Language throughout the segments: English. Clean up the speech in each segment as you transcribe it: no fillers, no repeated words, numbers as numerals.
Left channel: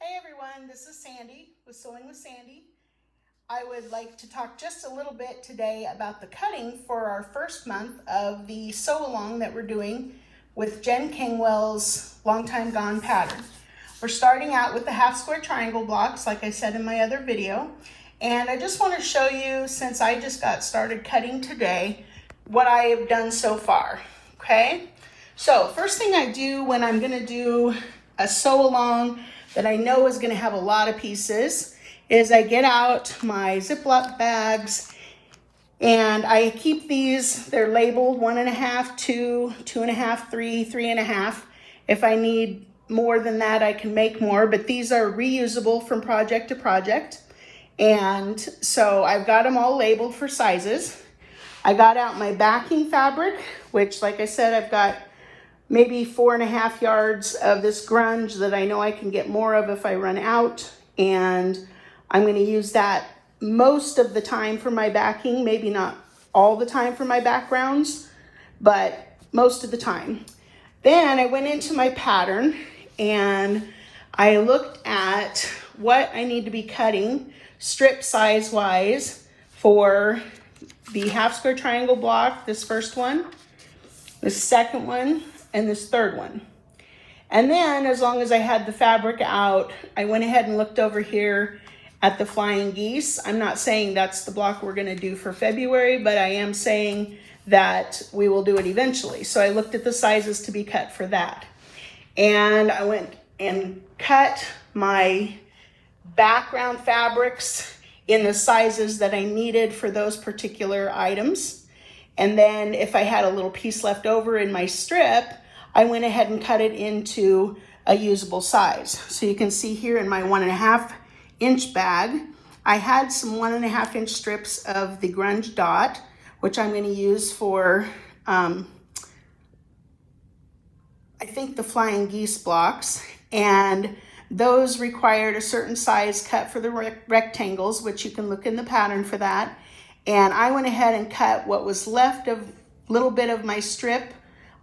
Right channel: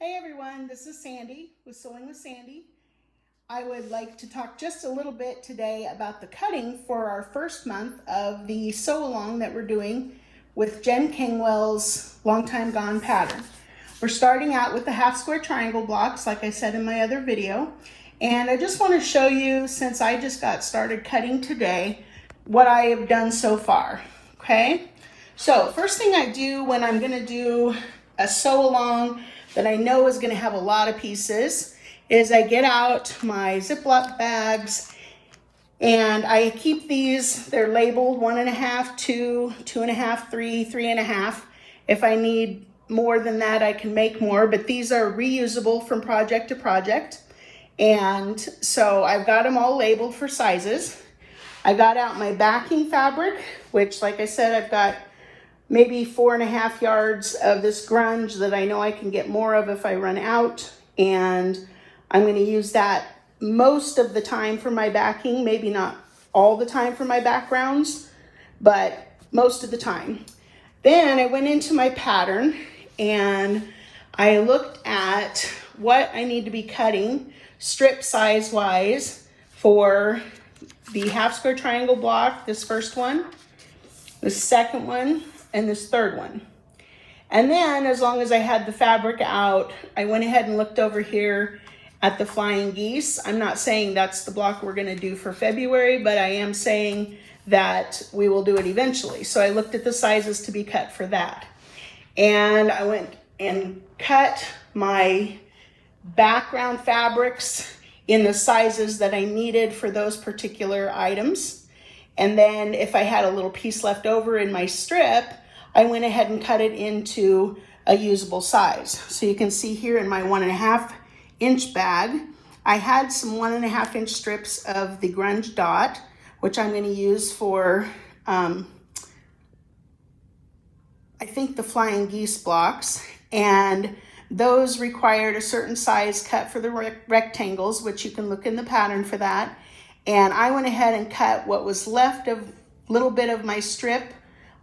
Hey everyone, this is Sandy with Sewing with Sandy. I would like to talk just a little bit today about the cutting for our first month of the sew along that we're doing with Jen Kingwell's Long Time Gone pattern. We're starting out with the half square triangle blocks, like I said in my other video. And I just want to show you, since I just got started cutting today, what I have done so far, okay? So first thing I do when I'm going to do a sew along that I know is going to have a lot of pieces is I get out my Ziploc bags and I keep these, they're labeled 1.5, 2, 2.5, 3, 3.5. If I need more than that, I can make more, but these are reusable from project to project. And so I've got them all labeled for sizes. I got out my backing fabric, which, like I said, I've got maybe 4.5 yards of this grunge that I know I can get more of if I run out. And I'm going to use that most of the time for my backing, maybe not all the time for my backgrounds, but most of the time. Then I went into my pattern and I looked at what I need to be cutting strip size wise for the half square triangle block, this first one, the second one, and this third one. And then, as long as I had the fabric out, I went ahead and looked over here at the flying geese. I'm not saying that's the block we're going to do for February, but I am saying that we will do it eventually. So I looked at the sizes to be cut for that. And I went and cut my background fabrics in the sizes that I needed for those particular items. And then if I had a little piece left over in my strip, I went ahead and cut it into a usable size. So you can see here in my 1.5 inch bag, I had some 1.5 inch strips of the grunge dot, which I'm going to use for, I think, the flying geese blocks. And those required a certain size cut for the rectangles, which you can look in the pattern for that. And I went ahead and cut what was left of little bit of my strip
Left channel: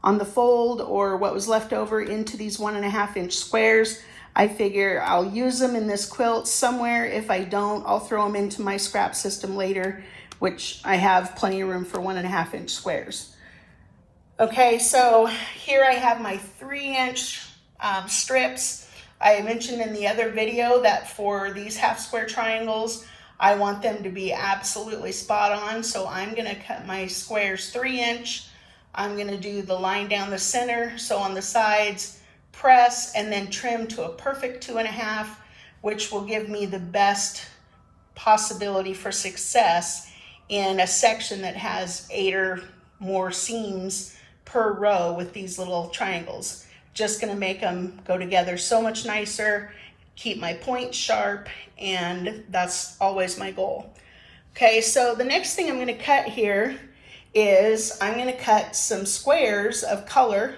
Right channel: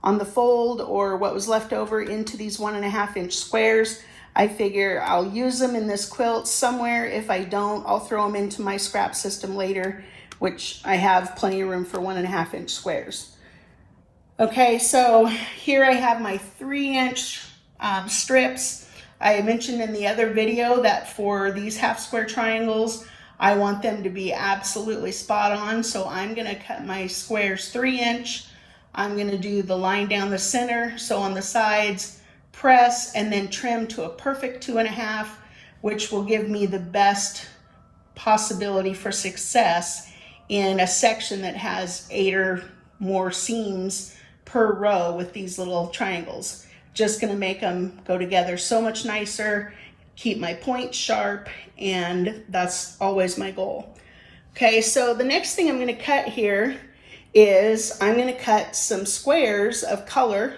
on the fold, or what was left over, into these 1.5 inch squares. I figure I'll use them in this quilt somewhere. If I don't, I'll throw them into my scrap system later, which I have plenty of room for 1.5 inch squares. Okay, so here I have my 3-inch strips. I mentioned in the other video that for these half square triangles, I want them to be absolutely spot on. So I'm going to cut my squares 3-inch. I'm going to do the line down the center. So on the sides, press and then trim to a perfect 2.5, which will give me the best possibility for success in a section that has 8 or more seams per row with these little triangles. Just going to make them go together so much nicer, keep my points sharp, and that's always my goal. Okay, so the next thing I'm going to cut here is I'm going to cut some squares of color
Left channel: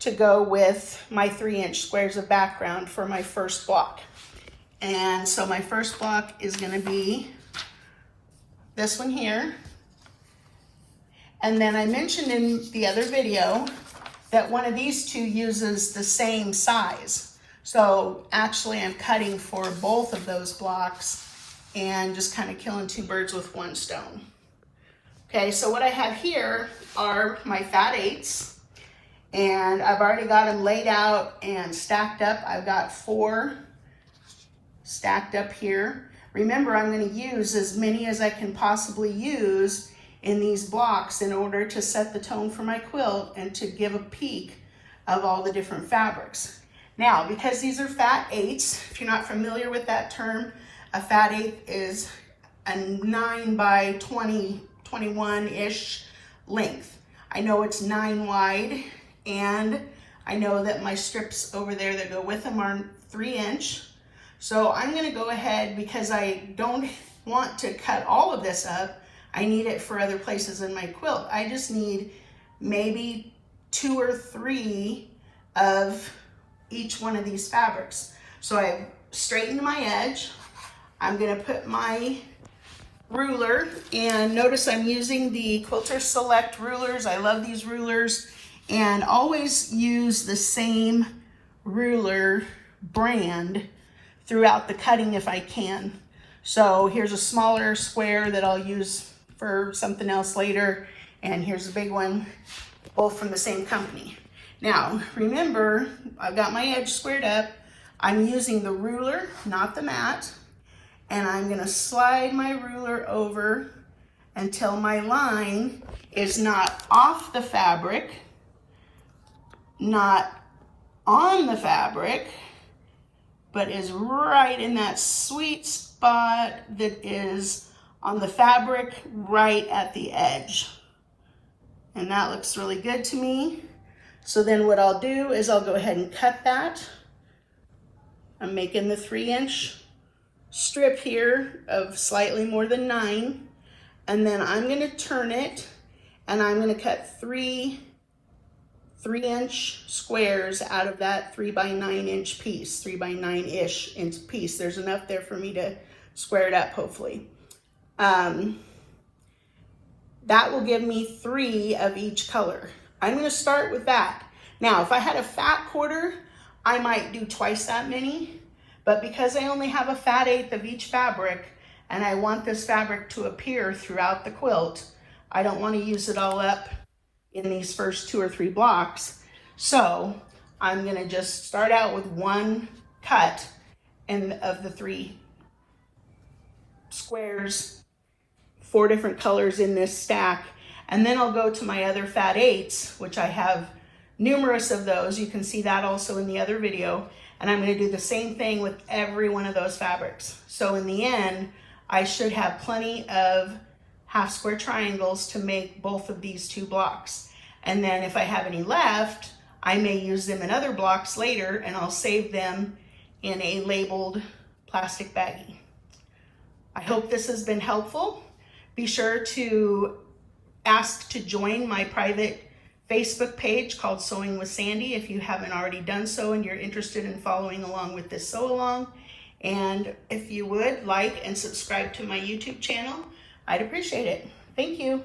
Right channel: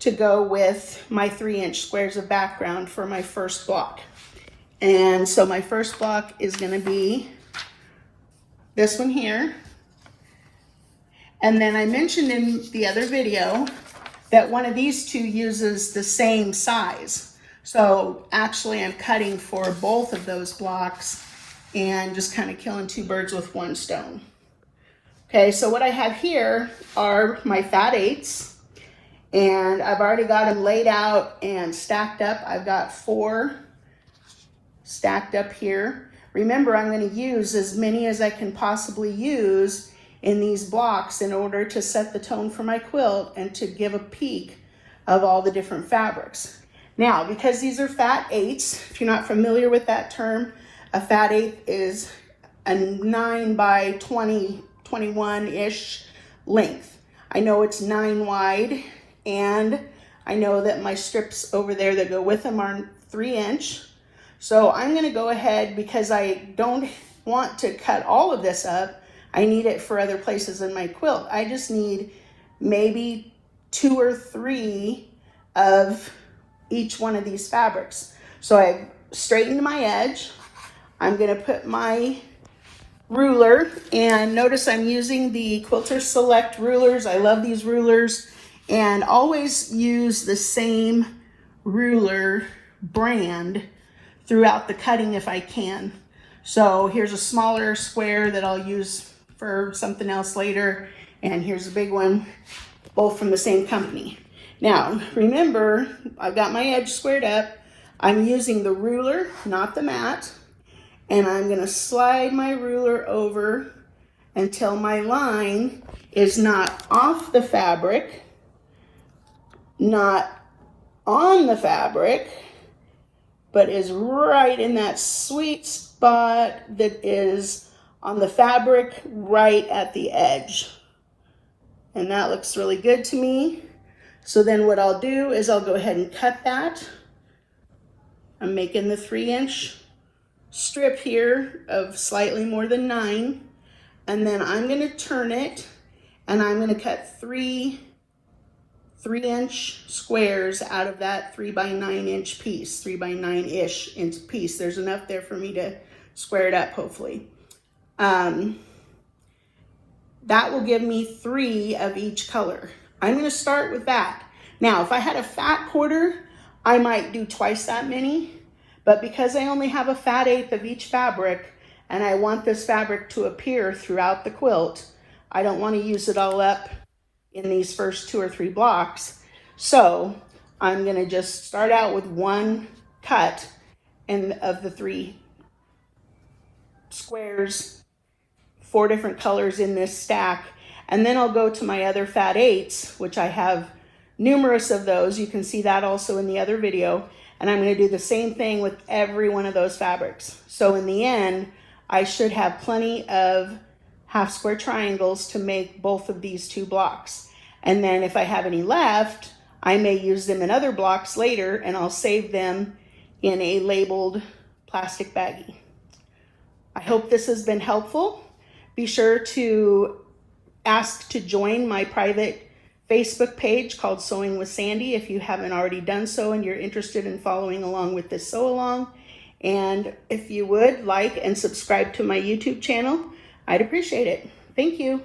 to go with my 3-inch squares of background for my first block. And so my first block is going to be this one here. And then I mentioned in the other video that one of these two uses the same size. So actually I'm cutting for both of those blocks and just kind of killing 2 birds with 1 stone. Okay, so what I have here are my fat 8s, and I've already got them laid out and stacked up. I've got 4 stacked up here. Remember, I'm going to use as many as I can possibly use in these blocks in order to set the tone for my quilt and to give a peek of all the different fabrics. Now, because these are fat 8s, if you're not familiar with that term, a fat 8 is a 9 by 20, 21-ish length. I know it's 9 wide, and I know that my strips over there that go with them are 3-inch. So I'm going to go ahead, because I don't want to cut all of this up. I need it for other places in my quilt. I just need maybe 2 or 3 of each one of these fabrics. So I've straightened my edge. I'm going to put my ruler, and notice I'm using the Quilter Select rulers. I love these rulers, and always use the same ruler brand throughout the cutting if I can. So here's a smaller square that I'll use for something else later, and here's a big one, both from the same company. Now, remember, I've got my edge squared up. I'm using the ruler, not the mat, and I'm gonna slide my ruler over until my line is not off the fabric, not on the fabric, but is right in that sweet spot that is on the fabric right at the edge. And that looks really good to me. So then what I'll do is I'll go ahead and cut that. I'm making the 3-inch strip here of slightly more than 9. And then I'm gonna turn it and I'm gonna cut 3 3-inch squares out of that 3 by 9 inch piece, 3 by 9-ish inch piece. There's enough there for me to square it up, hopefully. That will give me 3 of each color. I'm gonna start with that. Now, if I had a fat quarter, I might do twice that many, but because I only have a fat 1/8 of each fabric, and I want this fabric to appear throughout the quilt, I don't wanna use it all up in these first 2 or 3 blocks. So I'm gonna just start out with 1 cut of the 3 squares, 4 different colors in this stack, and then I'll go to my other fat 8s, which I have numerous of those. You can see that also in the other video, and I'm gonna do the same thing with every one of those fabrics. So in the end, I should have plenty of half square triangles to make both of these 2 blocks. And then if I have any left, I may use them in other blocks later, and I'll save them in a labeled plastic baggie. I hope this has been helpful. Be sure to ask to join my private Facebook page called Sewing with Sandy if you haven't already done so and you're interested in following along with this sew along. And if you would like and subscribe to my YouTube channel, I'd appreciate it. Thank you.